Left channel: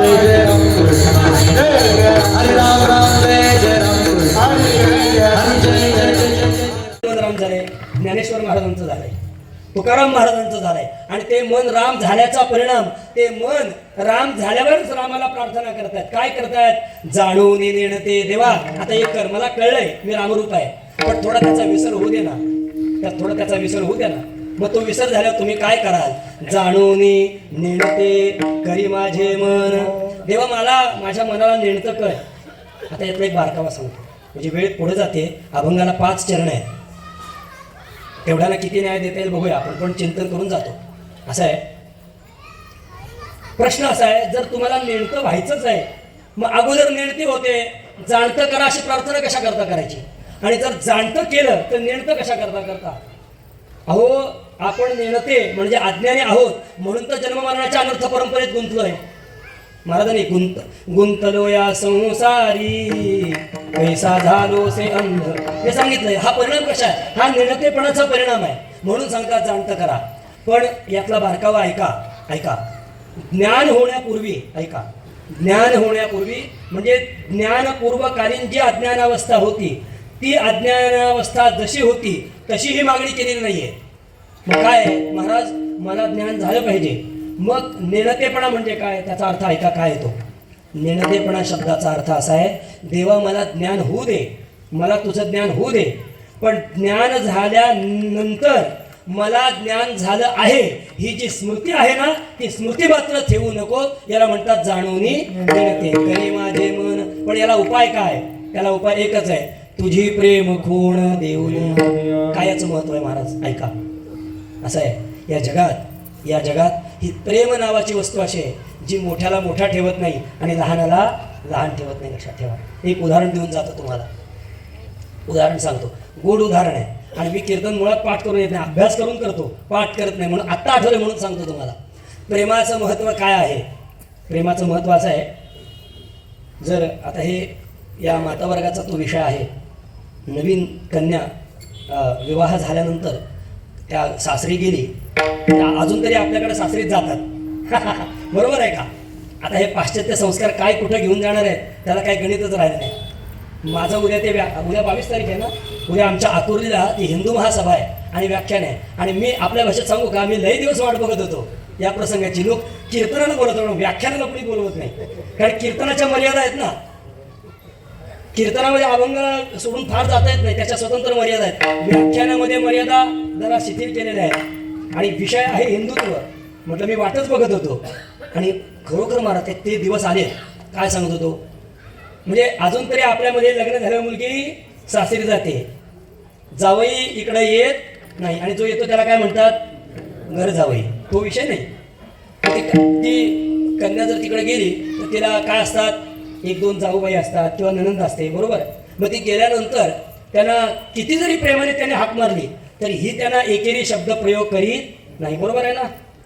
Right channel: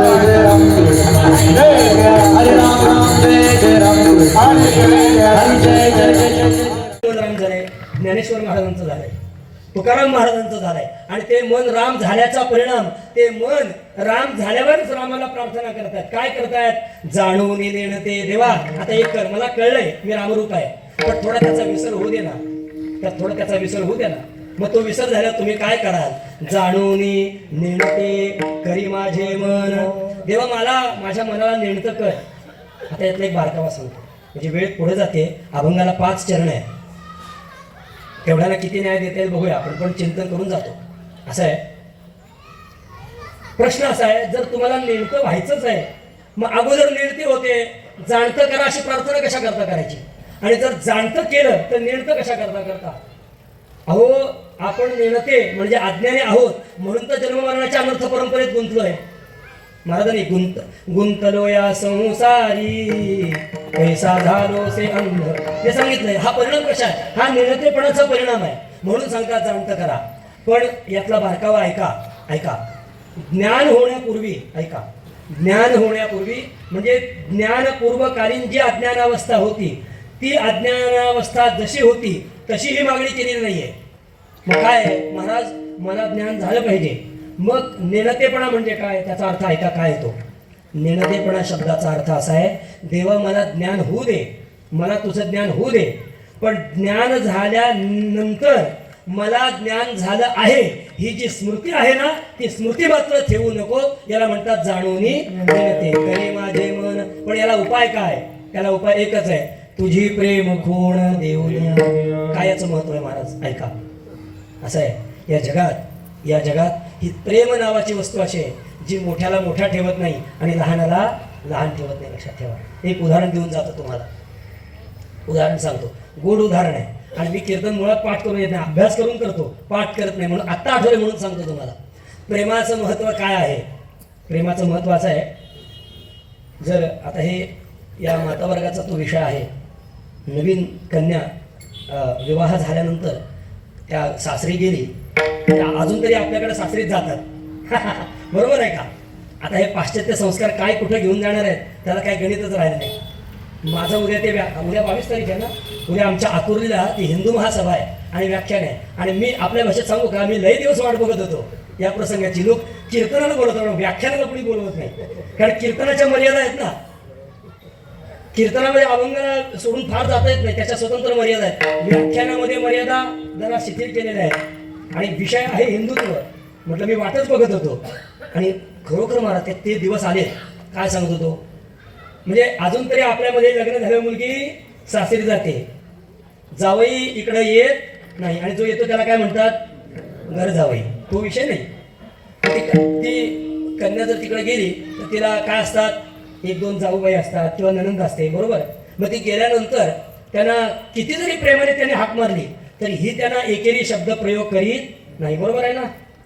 जय जय राम हरे राम राम जय जय राम हरे जय जय जय राम झालंय, ज्ञानेश्वर महाराजांचं झालंय, तुकाराम महाराजांचं झालंय. आणि ते मन राम झाल्याचा परिणाम, ते मन राम झाल्यावरच रामाला प्रार्थना करतात. काय करतायत? जाणून नेणते देवा. आता एक कर, मला कळलंय मी रामरूप आहे, पण थोडा त्याचा विसर होऊ दे ना, थोडा त्याचा विसर होऊ दे ना. मग तो विसर झाल्यावर तुम्ही काय कराल? जाणून नेणते करी माझे मन. देवा मला माझ्या मनाला नेणतं कर. आता यातला एक बारकावा सांगतो, म्हणजे वेळ पुढे जाते. अभंगाला 5 चरण आहेत. एवढ्याला किती न्याय देता येईल बघूया आपण, पण चिंतन करून जातो. असं आहे, प्रश्न असा आहे, जर तुम्हाला नेणतं व्हायचंच आहे, मग अगोदर नेणते होते, जाणतं करा अशी प्रार्थना कशा करता करायची? आणि जर जाणतं केलं तर नेणतं कशा करता करता? अहो, आपण नेणते म्हणजे अज्ञानी आहोत, म्हणून तर जन्ममरणाच्या अनर्थ परंपरेत गुंतलोय. महाराजांनी गुंतलो या संसारी पैसा झालो से अंध हे सांगितलंय. हा परिणाम कशा आहे? हा निर्णतेपणाचा परिणाम आहे. म्हणून सांगतात जाणतं करा. पण यातला बारकावा ऐका. ज्ञान होण्यापूर्वी ज्ञान होण्यापूर्वी म्हणजे ज्ञानपूर्वकालीन जी अज्ञानावस्था होती, ती अज्ञानावस्था जशी होती तशी ही मागणी केलेली नाहीये. मग काय? महाराज मला ज्ञान झालं पाहिजे. मग नेणतेपणा म्हणजे काय? त्याचा अर्थ ऐका काय येतो. नेणतेपणा शब्दाचा अर्थ असा आहे, देवा मला ज्ञान होऊ दे, मला तुझं ज्ञान होऊ दे, पण ज्ञान झाल्यानंतर मला ज्ञान झालं आहे ही जी स्मृती आहे ना, ती स्मृती मात्र ठेवू नको. याला म्हणतात जाणून नेणते करी माझे मन. पण याला उपाय काय? याला उपाय एकच आहे, तुझी प्रेम खूण देऊन. काय याचं महत्व आहे महाराज? ऐका. असं आहे, या जगात ही प्रेम नावाची वस्तू अशी आहे, जी मोठ्याला मोठा ठेवत नाही आणि लहानाला लहान ठेवत नाही. लक्षात ठेवा. एक उदाहरण देऊन जातो तुम्हाला. उदाहरण सांगतो, गोड उदाहरण आहे. आणि मी कीर्तन मुळात पाठ करून येत नाही, अभ्यास करून करतो, पाठ करत नाही, म्हणून आत्ता आठवलं म्हणून सांगतो तुम्हाला. प्रेमाचं महत्त्व काय आहे? प्रेमाचं महत्त्व असं आहे, जर आता हे या मातावर्गाचा तो विषय आहे. नवीन कन्या विवाह झाल्यानंतर त्या सासरी गेली, त्या अजून तरी आपल्याकडे सासरीत जातात. बरोबर आहे का? आता हे पाश्चात्य संस्कार काय कुठं घेऊन जाणार आहेत, त्याला काय गणितच राहिलं नाही. माझं उद्या 22 तारीख आहे ना, उद्या आमच्या आकुर्लीला ती हिंदू महासभा आहे आणि व्याख्यान आहे. आणि मी आपल्या भाषेत सांगू का, मी लई दिवस वाट बघत होतो या प्रसंगाची. लोक कीर्तनाला बोलत होतो, व्याख्यानाला कुणी बोलवत नाही. कारण कीर्तनाच्या मर्यादा आहेत ना. कीर्तनामध्ये अभंग सोडून फार जाता येत नाही, त्याच्या स्वतंत्र मर्यादा आहेत. व्याख्यानामध्ये मर्यादा जरा शिथिल केलेल्या आहेत. आणि विषय आहे हिंदुत्व. म्हटलं मी वाटच बघत होतो. आणि खरोखर महाराज ते दिवस आले. काय सांगत होतो, म्हणजे अजून तरी आपल्यामध्ये लग्न झाल्यावर मुलगी सासरी जाते, जावई इकडं येत नाही, आणि जो येतो त्याला काय म्हणतात? घर जावई. तो विषय नाही. ती कन्या जर तिकडे गेली तर तिला काय असतात? 1-2 जाऊबाई असतात किंवा ननंद असते. बरोबर? मग ती गेल्यानंतर त्यांना किती जरी प्रेमाने त्याने हाक मारली तरी ही त्यांना एकेरी शब्द प्रयोग करीत नाही. बरोबर आहे ना?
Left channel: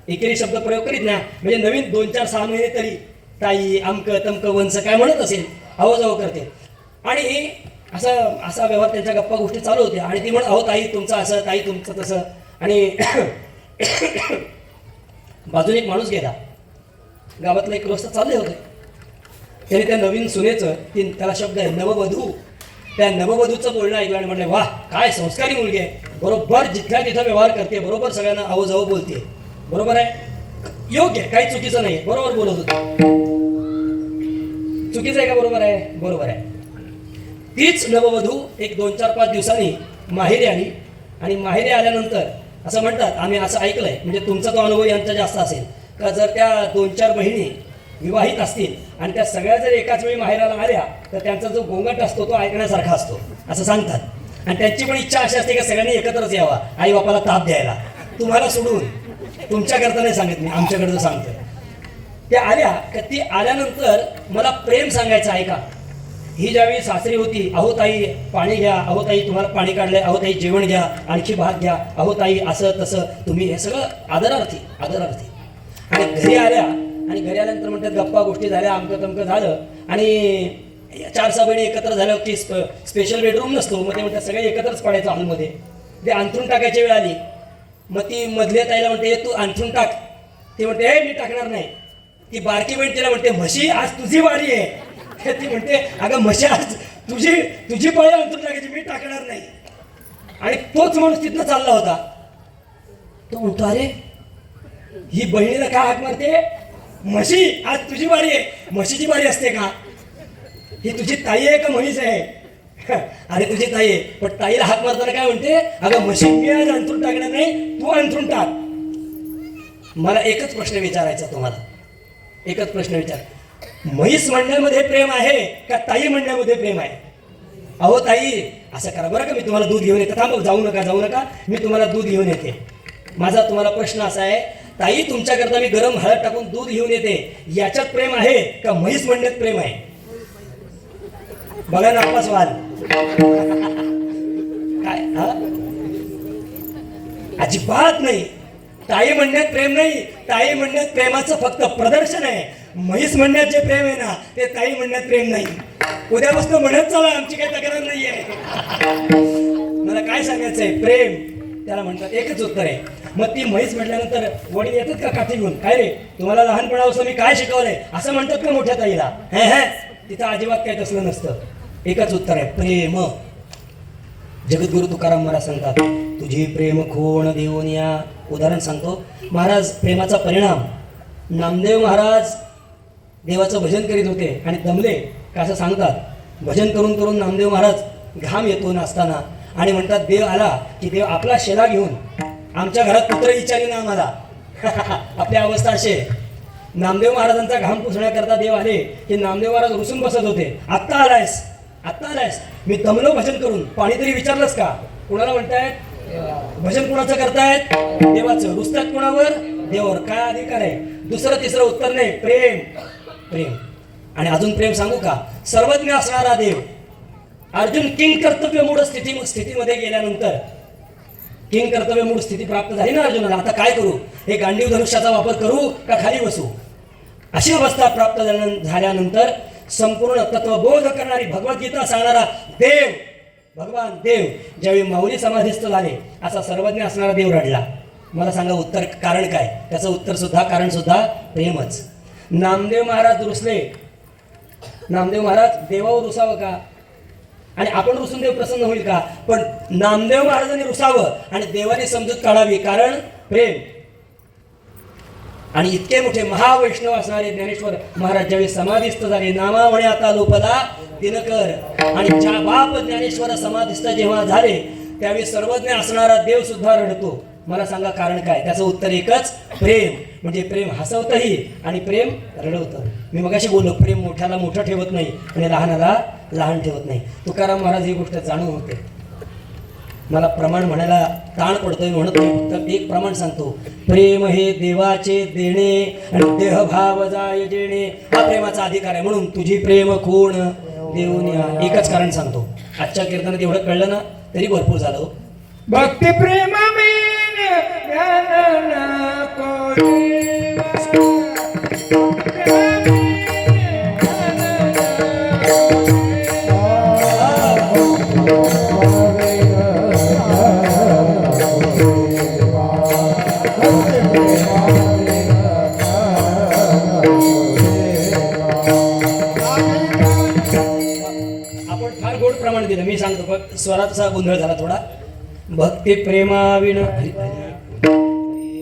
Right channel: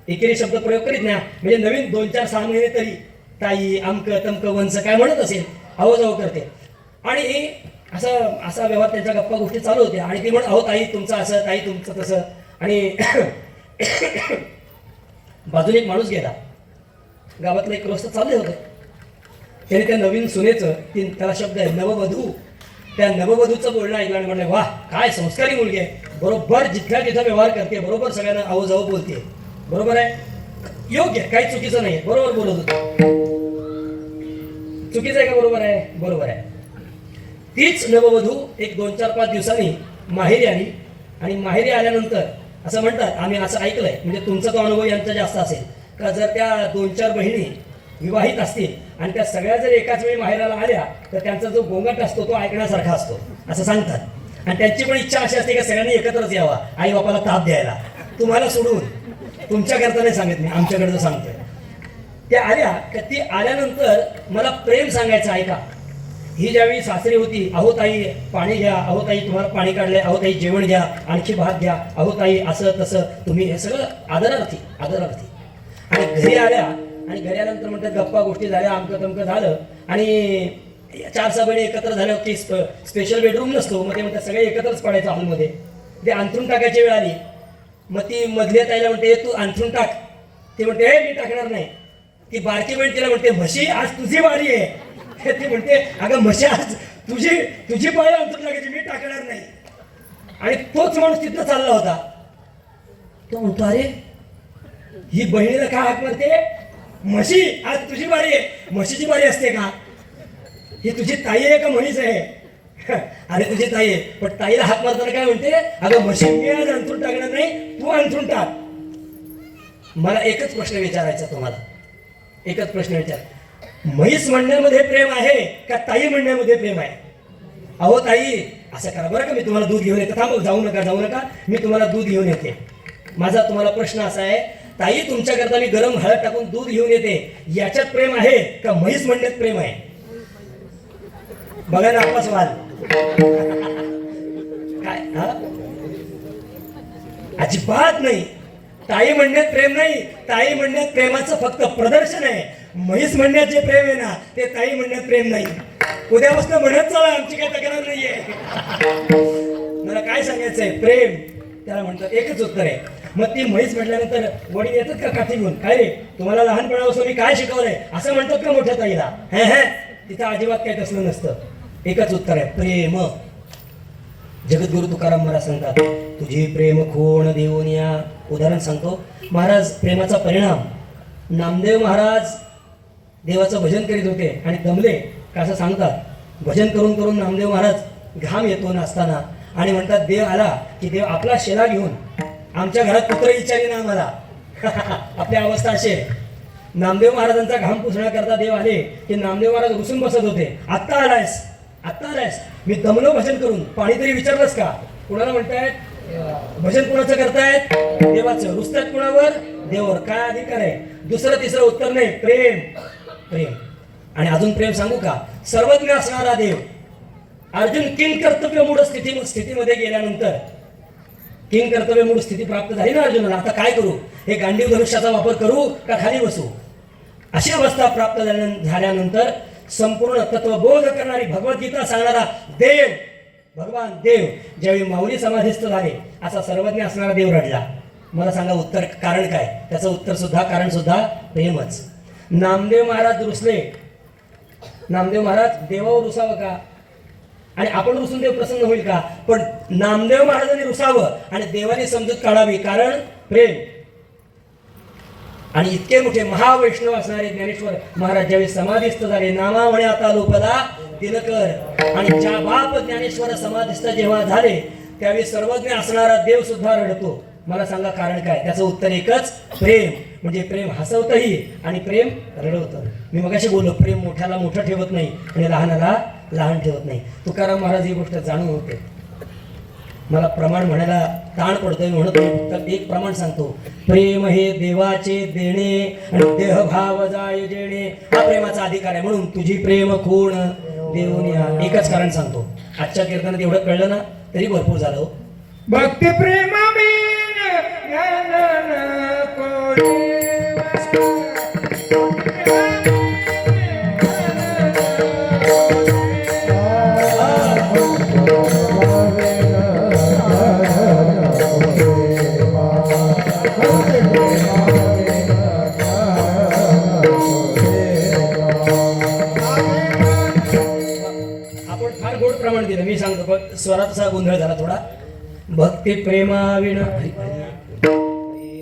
एकेरी शब्द प्रयोग करीत नाही. म्हणजे नवीन 2-4-6 महिने तरी ताई अमक तमक वंच काय म्हणत असेल, अहो जाऊ करते. आणि असा व्यवहार, त्यांच्या गप्पा गोष्टी चालू होत्या. आणि ती म्हण, अहो ताई तुमचं असं, ताई तुमचं तसं. आणि बाजूने एक माणूस गेला, गावातलं एक रस्ता चालले होते. त्याने त्या नवीन सुनेचं, त्याला शब्द आहे नववधू, त्या नववधूचं बोलणं ऐकलं आणि म्हटलं, वाह काय संस्कारी मुलगी आहे, बरोबर जिथल्या तिथं व्यवहार करते, बरोबर सगळ्यांना अहो जाऊ बोलते. बरोबर आहे, योग्य आहे, काही चुकीचं नाही, बरोबर बोलत होतं. चुकीचं आहे का? बरोबर आहे, बरोबर आहे. तीच नववधू एक 2-4-5 दिवसांनी माहेरी आली. आणि माहेरी आल्यानंतर असं म्हणतात, आम्ही असं ऐकलंय, म्हणजे तुमचा तो अनुभव यांचा जास्त असेल का, जर त्या 2-4 बहिणी विवाहित असतील आणि त्या सगळ्या जर एकाच वेळी माहेराला आल्या तर त्यांचा जो गोंगाट असतो तो ऐकण्यासारखा असतो असं सांगतात. आणि त्यांची पण इच्छा अशी असते की सगळ्यांनी एकत्रच यावा, आई बापाला ताप द्यायला. तुम्हाला सोडून, तुमच्याकरता नाही सांगत मी, आमच्याकडचं सांगतो. त्या आल्या का, ती आल्यानंतर मला प्रेम सांगायचं. ऐका, ही ज्यावेळी सासरी होती, अहो ताई पाणी घ्या, अहो ताई तुम्हाला पाणी काढलंय, अहो ताई जेवण घ्या, आणखी भात घ्या, अहो ताई असं तसं तुम्ही, हे सगळं आदरार्थी. आणि घरी आल्या, आणि घरी आल्यानंतर म्हणतात गप्पा गोष्टी झाल्या, अमकं तमकं झालं. आणि 4-6 बहिणी एकत्र झाल्या की स्पेशल बेडरूम नसतो, मग ते म्हणतात सगळे एकत्रच पडायचं हॉलमध्ये. ते अंथरून टाकायची वेळ आली, मग ती मधल्या ताईला म्हणते तू अंथरून टाक. ते म्हणते हे मी टाकणार नाही. ती बारकी बहीण तिला म्हणते म्हशी आज तुझी वारी आहे. ती म्हणते अगं म्हशी आज तुझी पाळी अंतर लागायची, मी टाकणार नाही. आणि तोच माणूस तिथनं चालला होता. तो म्हणतो अरे ही बहिणीला काय हाक मारते, म्हशी आज तुझी बारी आहे. म्हशीची बारी असते का, ही तुझी ताई आहे का म्हैस आहे. अरे तुझी ताई आहे, पण ताईला हाक मारताना काय म्हणते, अगं म्हशी मी आज अंथरून टाकणार नाही, तू अंथरून टाक. मला एकच प्रश्न विचारायचा तुम्हाला, एकच प्रश्न विचार, म्हैस म्हणण्यामध्ये प्रेम आहे का ताई म्हणण्यामध्ये प्रेम आहे. अहो ताई असं करा बरं का, मी तुम्हाला दूध घेऊन येते. थांब, जाऊ नका, मी तुम्हाला दूध घेऊन येते. माझा तुम्हाला प्रश्न असा आहे, ताई तुमच्याकरता मी गरम हळद टाकून दूध घेऊन येते, याच्यात प्रेम आहे का म्हैस म्हणण्यात प्रेम आहे. बघा नापास व्हाल काय. हा अजिबात नाही. ताई म्हणण्यात प्रेम नाही, ताई म्हणण्यात प्रेमाचं फक्त प्रदर्शन आहे. म्हैस म्हणण्यात जे प्रेम आहे ना, ते ताई म्हणण्यात प्रेम नाही. उद्यापासून म्हणत चला, आमची काही तक्रार नाहीये. मला काय सांगायचंय, प्रेम त्याला म्हणतात. एकच उत्तर आहे. मग ती म्हैस म्हटल्यानंतर वडील येतात का काठी घेऊन, काय रे तुम्हाला लहानपणापासून मी काय शिकवलंय असं म्हणतात का मोठ्या ताईला. हे तिथं अजिबात काही तसलं नसतं. एकच उत्तर आहे, प्रेम. जगद्गुरु तुकाराम महाराज सांगतात, तुझी प्रेम खूण देऊन या. उदाहरण सांगतो महाराज, प्रेमाचा परिणाम. नामदेव महाराज देवाचं भजन करीत होते आणि दमले का असं सांगतात. भजन करून करून नामदेव महाराज घाम येतो नाचताना आणि म्हणतात, देव आला की देव आपला शेला घेऊन आमच्या घरात पुत्र विचारी ना आम्हाला. आपली अवस्था अशी आहे. नामदेव महाराजांचा घाम पुसण्याकरता देव आले की नामदेव महाराज रुसून बसत होते. आत्ता आलायस, मी दमलो भजन करून, पाणी तरी विचारलंस का. कुणाला म्हणतायत भजन, कुणाचं करतायत, देवाचं. रुसतायत कुणावर, देवावर. काय अधिकार आहे. दुसरं तिसरं उत्तर नाही, प्रेम. आणि अजून प्रेम सांगू का, सर्वज्ञ असणारा देव अर्जुन किंग कर्तव्य मूळ स्थितीमध्ये गेल्यानंतर, किंग कर्तव्य मूळ स्थिती प्राप्त झाली ना अर्जुनाला. आता काय करू, हे गांडीव धनुष्याचा वापर करू का खाली बसू. अशी अवस्था प्राप्त झाल्यानंतर संपूर्ण तत्वबोध करणारी भगवद्गीता सांगणारा देव, भगवान देव ज्यावेळी माऊली समाधीस्थ झाले, असा सर्वज्ञ असणारा देव रडला. मला सांगा उत्तर, कारण काय. त्याचं उत्तर सुद्धा, कारण सुद्धा प्रेमच. नामदेव महाराज रुसले. नामदेव महाराज देवावर रुसावं का, आणि आपण रुसून देव प्रसन्न होईल का. पण नामदेव महाराजांनी रुसावं आणि देवाने समजूत काढावी, कारण प्रेम. आणि इतके मोठे महावैष्णव असणारे ज्ञानेश्वर महाराज ज्यावेळी समाधीस्थ झाले, नामा म्हणे आता लोपला दिनकर. आणि ज्या बाप ज्ञानेश्वर समाधीस्थ जेव्हा झाले, त्यावेळी सर्वज्ञ असणारा देव सुद्धा रडतो. मला सांगा कारण काय. त्याचं उत्तर एकच, प्रेम. म्हणजे प्रेम हसवतही आणि प्रेम रडवतं. मी मगाशी बोललो, प्रेम मोठ्याला मोठं ठेवत नाही आणि लहानाला लहान ठेवत नाही. तुकाराम महाराज ही गोष्ट जाणून होते. मला प्रमाण म्हणायला ताण पडतोय म्हणत तर एक प्रमाण सांगतो, प्रेम हे देवाचे देणे आणि देहभाव जाय जेणे, हा प्रेमाचा अधिकार आहे. म्हणून तुझी प्रेम खूण देऊन या. एकच कारण सांगतो, आजच्या कीर्तनात एवढं कळलं ना तरी भरपूर झालं. भक्ती प्रेम आपण फार गोड प्रमाण दिलं. मी सांगतो पण स्वराचा गोंधळ झाला थोडा. भक्ती प्रेमाविण,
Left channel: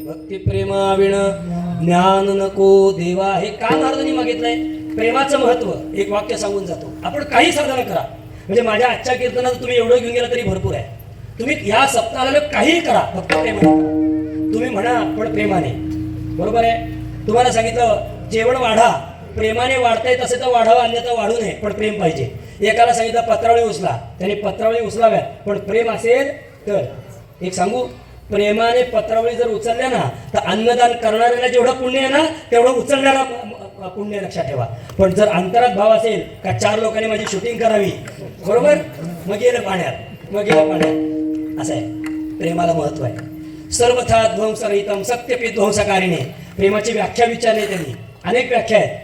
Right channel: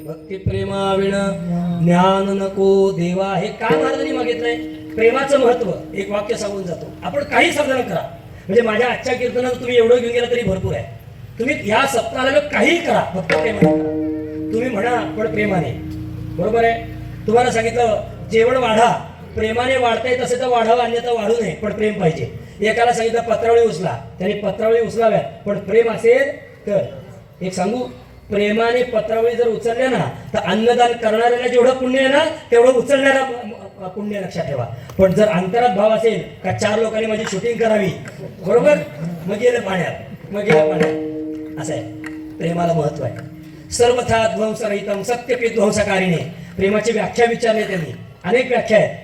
भक्ती प्रेमाविण ज्ञान नको देवा. हे काय महाराजांनी मागितलंय. प्रेमाचं महत्व एक वाक्य सांगून जातो. आपण काही साधन करा, म्हणजे माझ्या आजच्या कीर्तनात तुम्ही एवढं घेऊन गेला तरी भरपूर आहे. तुम्ही या सप्ताहाला काहीही करा, फक्त प्रेमाने करा. तुम्ही म्हणा पण प्रेमाने, बरोबर आहे. तुम्हाला सांगितलं जेवण वाढा, प्रेमाने वाढताय तसं तर वाढावं, अन्यथा वाढू नये, पण प्रेम पाहिजे. एकाला सांगितलं पत्रावळी उचला, त्याने पत्रावळी उचलाव्यात, पण प्रेम असेल तर. एक सांगू, प्रेमाने पत्रावळी जर उचलल्या ना तर अन्नदान करणाऱ्याला जेवढं पुण्य आहे ना तेवढं उचलणारा पुण्य, लक्षात ठेवा. पण जर अंतरात भाव असेल का 4 लोकांनी माझी शूटिंग करावी, बरोबर, मग गेलं पाण्यात, असं आहे. प्रेमाला महत्व आहे. सर्वथा ध्वंसरहितम सत्यपी ध्वंसकारिणे. प्रेमाची व्याख्या विचारली त्यांनी, अनेक व्याख्या आहेत.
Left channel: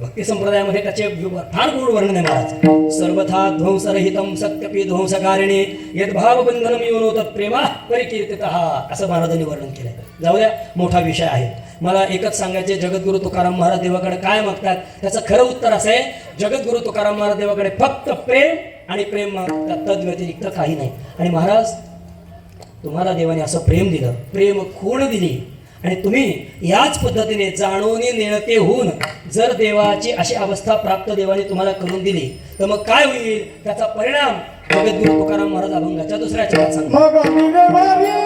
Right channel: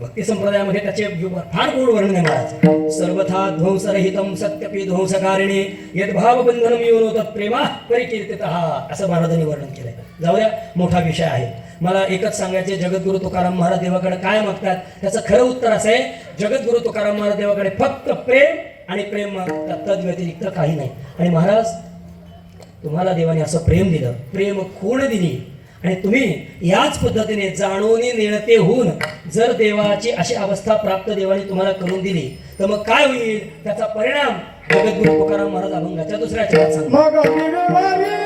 भक्ती संप्रदायामध्ये त्याचे फार गोड वर्णन आहे महाराज. सर्वथा ध्वंसरहितम सत्यपी ध्वंसकारिणे यद्भाव बंधनम योनोतत् प्रेमा परिकीर्तितः, असं महाराजांनी वर्णन केलंय. जाऊ द्या, मोठा विषय आहे. मला एकच सांगायचे, जगद्गुरु तुकाराम महाराज देवाकडे काय मागतात त्याचं खरं उत्तर असं आहे, जगद्गुरु तुकाराम महाराज देवाकडे फक्त प्रेम आणि प्रेम मागतात, तद व्यतिरिक्त काही नाही. आणि महाराज तुम्हाला देवाने असं प्रेम दिलं, प्रेम खूण दिली, आणि तुम्ही याच पद्धतीने जाणून नेणते होऊन जर देवाची अशी अवस्था प्राप्त देवाने तुम्हाला करून दिली तर मग काय होईल, त्याचा परिणाम जगद्गुरु तुकाराम महाराज अभंगाच्या दुसऱ्या चरणात सांगतात.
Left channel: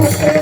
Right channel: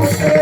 Okay.